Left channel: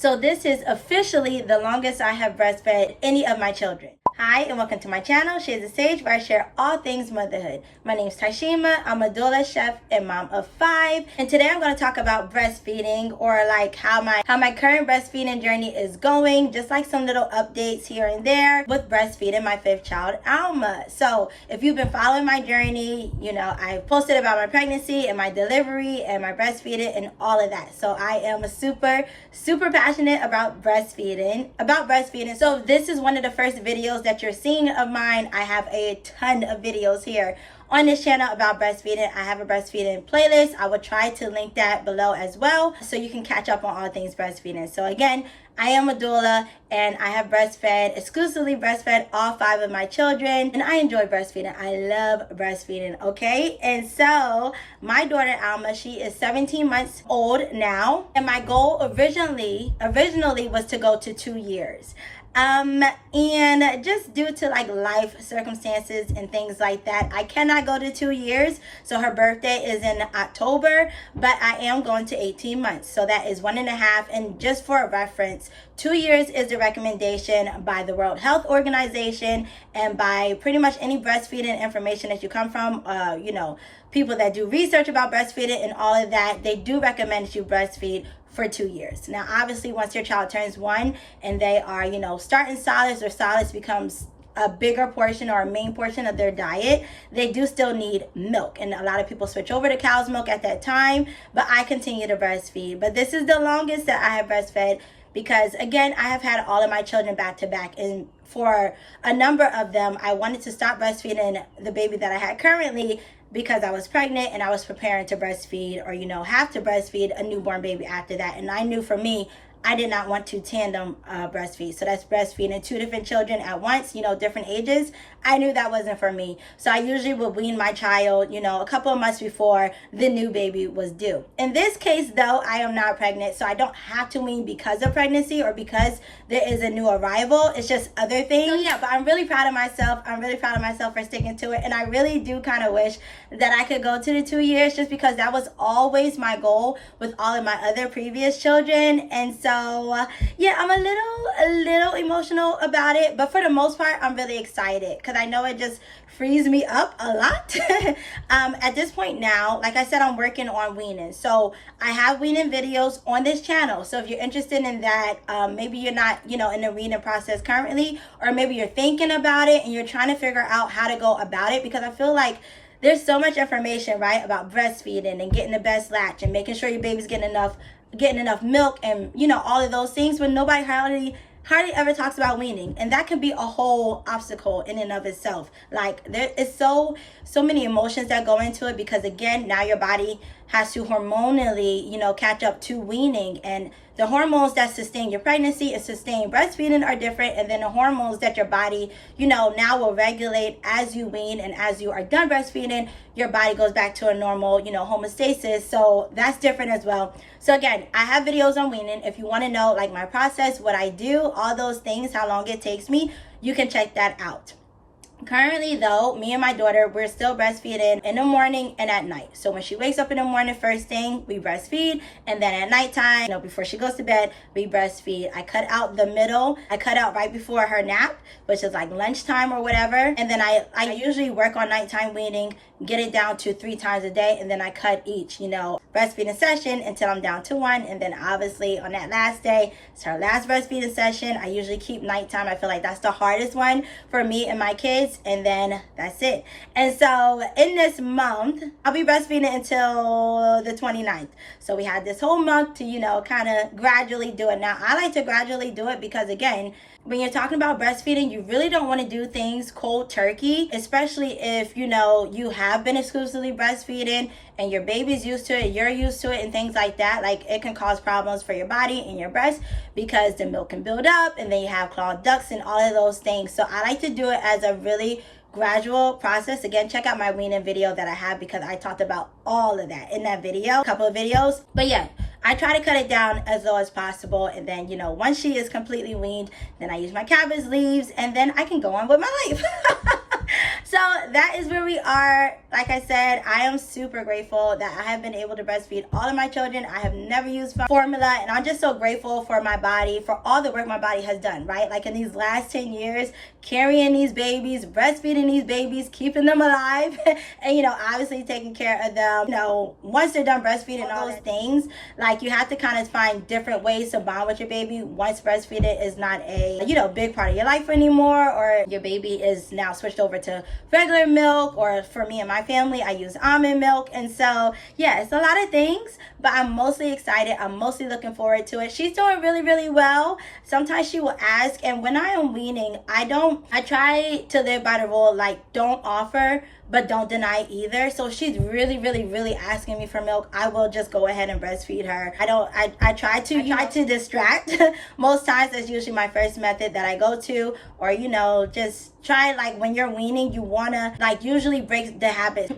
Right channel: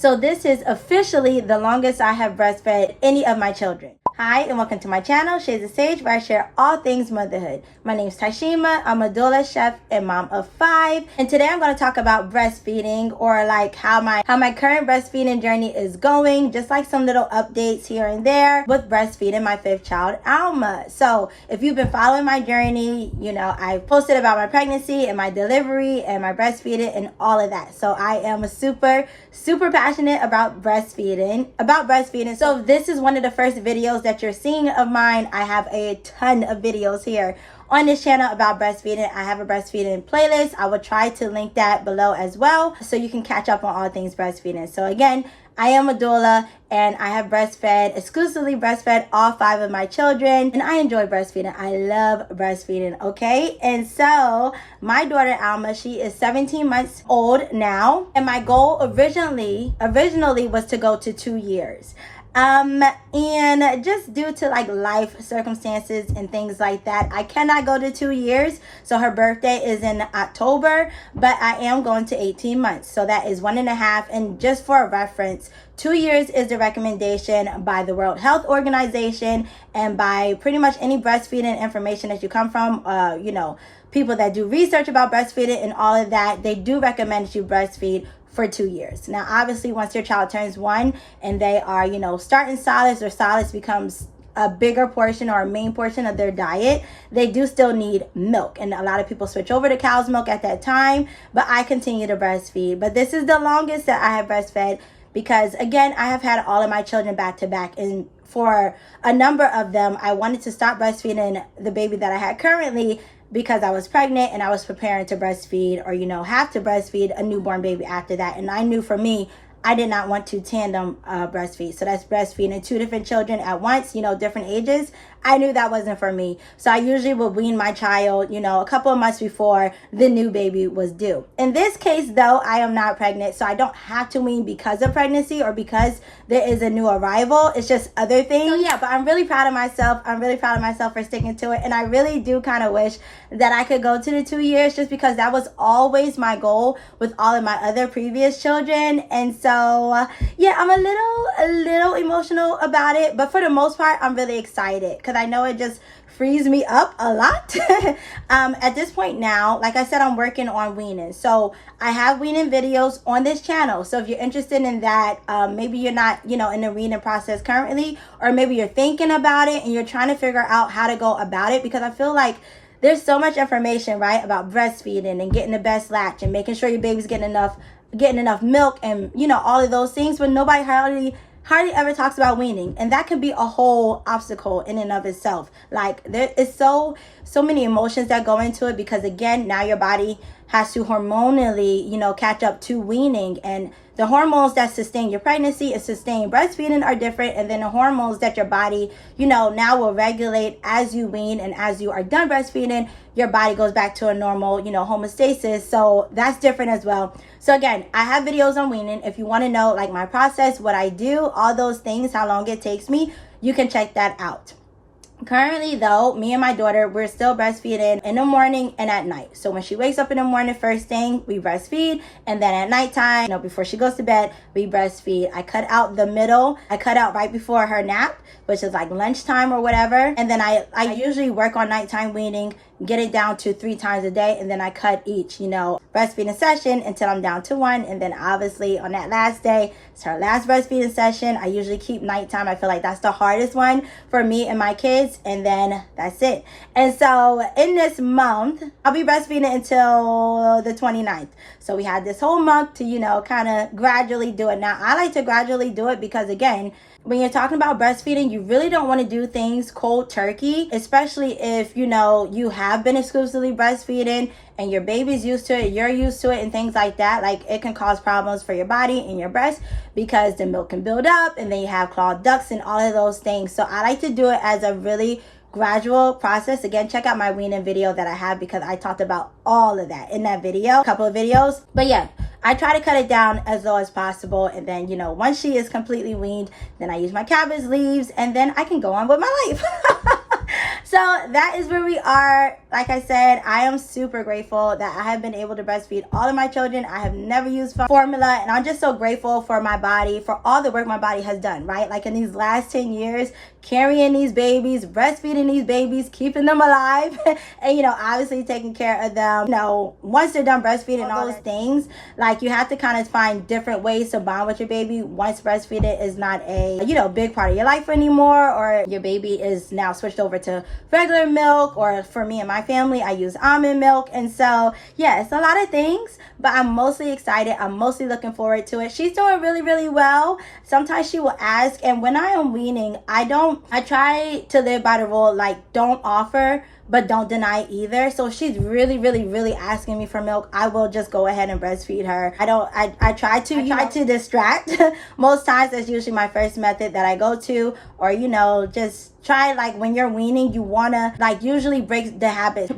So this is officially the longest I have breastfed any of my children. Hi and welcome to my channel, Shades of Sage, where I share all things motherhood. My name is Tashima. I'm a doula, chef, and mom of 5. And today I'm going to talk about breastfeeding, or like how my current breastfeeding journey is going, just like some little updates here and there with breastfeeding my 5th child, Alma. So if you've been following my journey, you know, I've posted about my pregnancy and my delivery and my breastfeeding and all of that. So I am super passionate about breastfeeding. So if this is one of the first videos that you're seeing of mine, I have a ton of videos here on this channel about breastfeeding. I have a breastfeeding playlist. I will try to link that below as well, so you can catch up on all things breastfeeding. So again, I am a doula and I have exclusively breastfed all 5 of my children, and I enjoy breastfeeding. I love breastfeeding, okay? And so my daughter Alma, she is 17 months old now, and my goal originally was to go to 2 years. And just due to like life circumstances and things like that, I cannot go to 2 years. So her birthday is in October, but I am going to 18 months. So that is 1.5. And just for a reference, 2 years is the recommendation by the World Health Organization and by pretty much any breastfeeding information that you come from, you know, people that do research about breastfeeding and all of that. They do recommend that you breastfeed for 2 years. Now, obviously, once your child turns 1 and they are, you know, starting solids, or solids becomes a bigger portion or a main portion of their diet, they do still need milk. And a lot of people switch over to cow's milk at that time, but I continue to breastfeed. But this is the longest that I have breastfed because, again, I have had all of my children back to back. And for a number of them, I wanted to stop breastfeeding the baby that I had currently because I was pregnant and I was preparing to breastfeed, or, you know, have to breastfeed a newborn baby after that. And I knew for me, I did not want to tandem breastfeed. So that's breastfeeding 2 different children at once, you know, different ages. I knew that wasn't for me. So I usually would wean my child, you know, a couple of months before the new baby was due. In this case, though, I am not pregnant, so I don't have to wean because of pregnancy or because there is a new arrival. It's just other things. So yeah, but I'm really proud of myself. I'm really proud of myself for sticking to it. And I really do kind of wish that I could go to the 2 years, just because that was always my goal with all of my other previous children. And so yeah, I'm a little emotional about it, but for the most part, I'm really excited because I know it just frees me up a lot. At this point now, like I said, I'm working on weaning. So I have weaning videos on this channel. So if you're interested in that, maybe you're not, you know, in the weaning process currently, or maybe you're thinking about it and you're trying to figure out how to go about it, because I feel like there's so much information, right, about breastfeeding and getting the best latch and making sure your baby's getting enough milk and, you know, all of those things, but nobody hardly ever talks about weaning. And that can be a whole obstacle in and of itself. Like, there is so many emotions that go into it, because again, now your body has to hormonally, you know, catch up to weaning, and the hormones that sustain your pregnancy and sustain breastfeeding are different. And then the hormones that your body, you know, now will regulate as you wean, and as you are done breastfeeding, your body goes back to a normal, you know, homeostasis. So that's different as well. So again, I have videos on weaning. If you want to know like my process, what I do, all those things, how long it takes me, you can check that out. Currently though, me and my daughter, we're still breastfeeding in the morning and at night. So when she wakes up in the morning, first thing, we breastfeed, and then at nighttime, you know, before she goes to bed, we breastfeed. I cut out the middle. I cut out right before her nap, which is like lunchtime or whatever. And then I usually work on nighttime weaning, get it down to 3 times a day, and then I cut each, you know, breastfeeding session until I'm down to 1. And then obviously on that last day, it's her last breastfeeding session. I usually keep nighttime. I feel like that's the hardest one for me and my kids, and then that's it. And so in this month, I'll be breastfeeding until the 29th. So we had this whole month to, you know, kind of gradually do it. Now, I like to gradually do it because, again, when you're talking about breastfeeding, you really don't want to do things cold turkey, especially if, you know, you have been exclusively breastfeeding and your baby's used to it, you're used to it, and things like that. Like, it can cause problems for your body and your breast because the milk can build up, and then you have clogged ducts and all of those things. So I like to do it as a really gradual process. Again, check out my weaning video that I have, because I talked about all of that in that video, a couple of videos. But yeah, I try to cut it down as low as possible. And then, you know, once she is completely weaned, then I use my cabbage leaves, and then I can go on with my life. So that is where we are. Like I said, I am super grateful that I have been able to breastfeed all of my children. I have never used formula, and I'm just so grateful for my body, for all the work my body has done, right? Like in these last 10 years, carrying these babies, breastfeeding these babies, keeping them alive, and, you know, obviously taking care of them. You know, once they're done breastfeeding, all those things, like you have to kind of find different ways to bond with your baby once breastfeeding is not a, you know, big part of your life anymore, or your baby is now switched over to regular milk, or for me and my family, I use almond milk. And so, yeah, it's a lot of things, but I'm mostly excited. I'm mostly looking forward to it. She's doing really, really well. Sometimes she will ask, and when I am weaning, I try to live by the rule, like, don't offer, but don't deny either. So if she's really, really, really asking me for milk, I will just go ahead and breastfeed her. I try to distract. Most times that's usually my first method that I go to, or, you know, just try, like, when you're weaning, you wanna, like, usually break the habits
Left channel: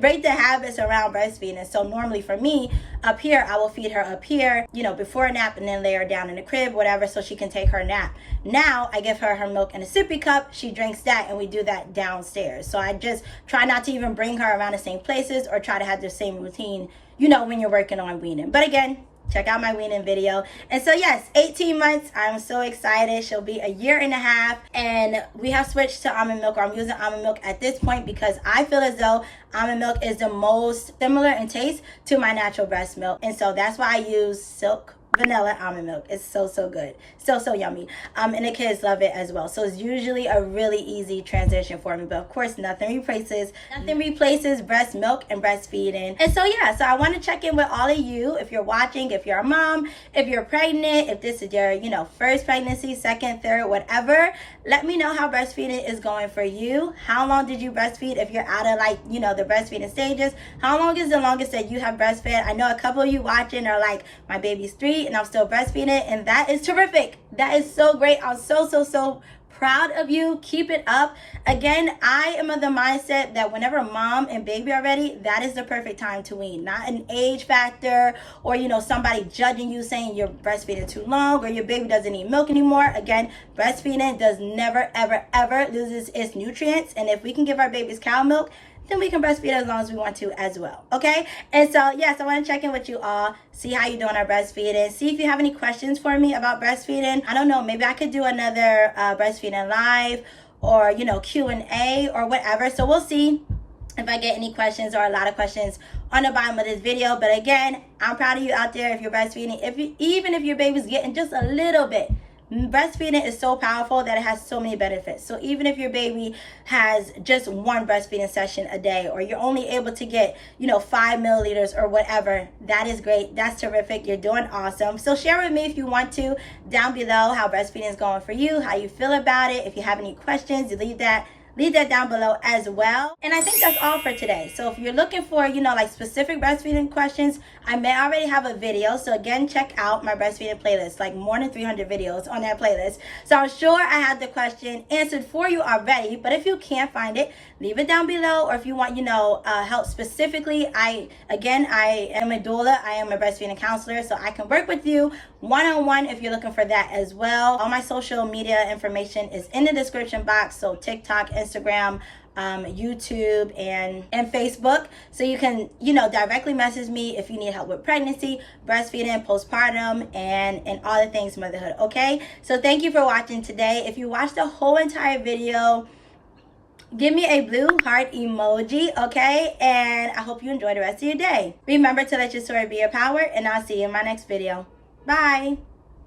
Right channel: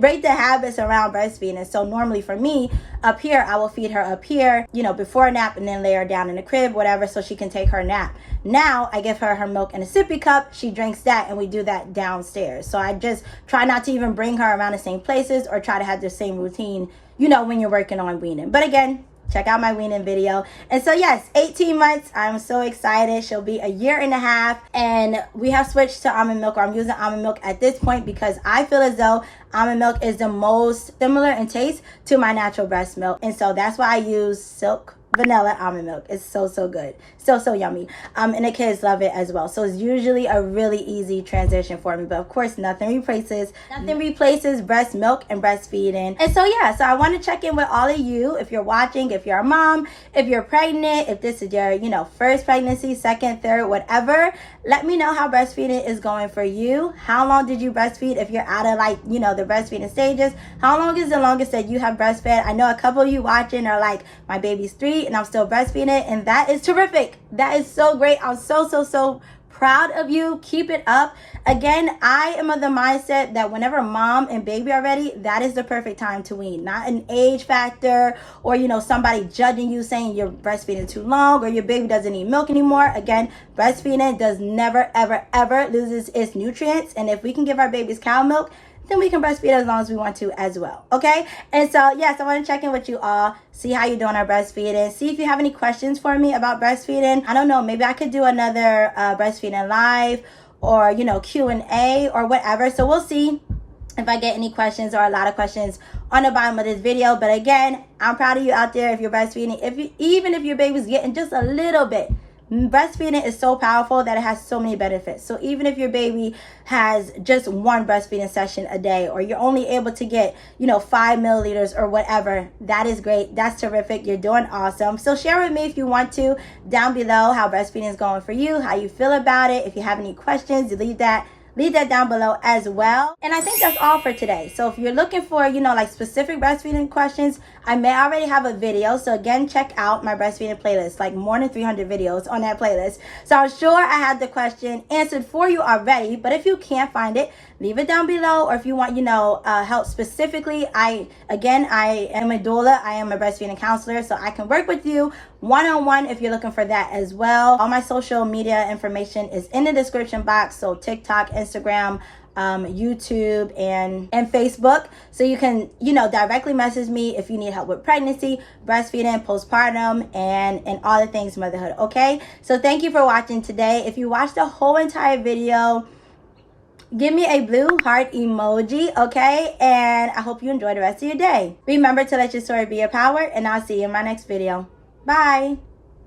around breastfeeding. So normally for me, up here, I will feed her up here, you know, before a nap, and then lay her down in the crib, whatever, so she can take her nap. Now I give her milk in a sippy cup, she drinks that, and we do that downstairs. So I just try not to even bring her around the same places or try to have the same routine, you know, when you're working on weaning. But again, check out my weaning video. And so yes, 18 months, I'm so excited. She'll be a year and a half, and we have switched to almond milk, or I'm using almond milk at this point because I feel as though almond milk is the most similar in taste to my natural breast milk. And so that's why I use silk vanilla almond milk. It's so good, so yummy, and the kids love it as well. So it's usually a really easy transition for me, but of course nothing replaces breast milk and breastfeeding. And so yeah, so I want to check in with all of you. If you're watching, if you're a mom, if you're pregnant, if this is your, you know, first pregnancy, second, third, whatever, let me know how breastfeeding is going for you. How long did you breastfeed? If you're out of, like, you know, the breastfeeding stages, how long is the longest that you have breastfed? I know a couple of you watching are like, my baby's 3 and I'm still breastfeeding, and that is terrific. That is so great. I'm so proud of you. Keep it up. Again, I am of the mindset that whenever mom and baby are ready, that is the perfect time to wean. Not an age factor, or, you know, somebody judging you saying you're breastfeeding too long, or your baby doesn't need milk anymore. Again, breastfeeding does never, ever loses its nutrients. And if we can give our babies cow milk, then we can breastfeed as long as we want to as well. Okay? And so, yes, I want to check in with you all, see how you're doing our breastfeeding, see if you have any questions for me about breastfeeding. I don't know, maybe I could do another breastfeeding live, or, you know, Q&A or whatever. So we'll see if I get any questions, or a lot of questions on the bottom of this video. But again, I'm proud of you out there if you're breastfeeding. Even if your baby's getting just a little bit, breastfeeding is so powerful that it has so many benefits. So even if your baby has just one breastfeeding session a day, or you're only able to get, you know, 5 milliliters or whatever, that is great. That's terrific. You're doing awesome. So share with me if you want to down below how breastfeeding is going for you, how you feel about it. If you have any questions, leave that down below as well. And I think that's all for today. So if you're looking for, you know, like specific breastfeeding questions, I may already have a video. So again, check out my breastfeeding playlist, like more than 300 videos on that playlist. So I'm sure I had the question answered for you already, but if you can't find it, leave it down below. Or if you want, you know, help specifically, I am a doula. I am a breastfeeding counselor, so I can work with you one-on-one if you're looking for that as well. All my social media information is in the description box. So TikTok, Instagram, YouTube, and Facebook. So you can, you know, directly message me if you need help with pregnancy, breastfeeding, postpartum, and all the things motherhood. Okay, so thank you for watching today. If you watched the whole entire video, give me a blue heart emoji, okay? And I hope you enjoy the rest of your day. Remember to let your story be your power, and I'll see you in my next video. Bye.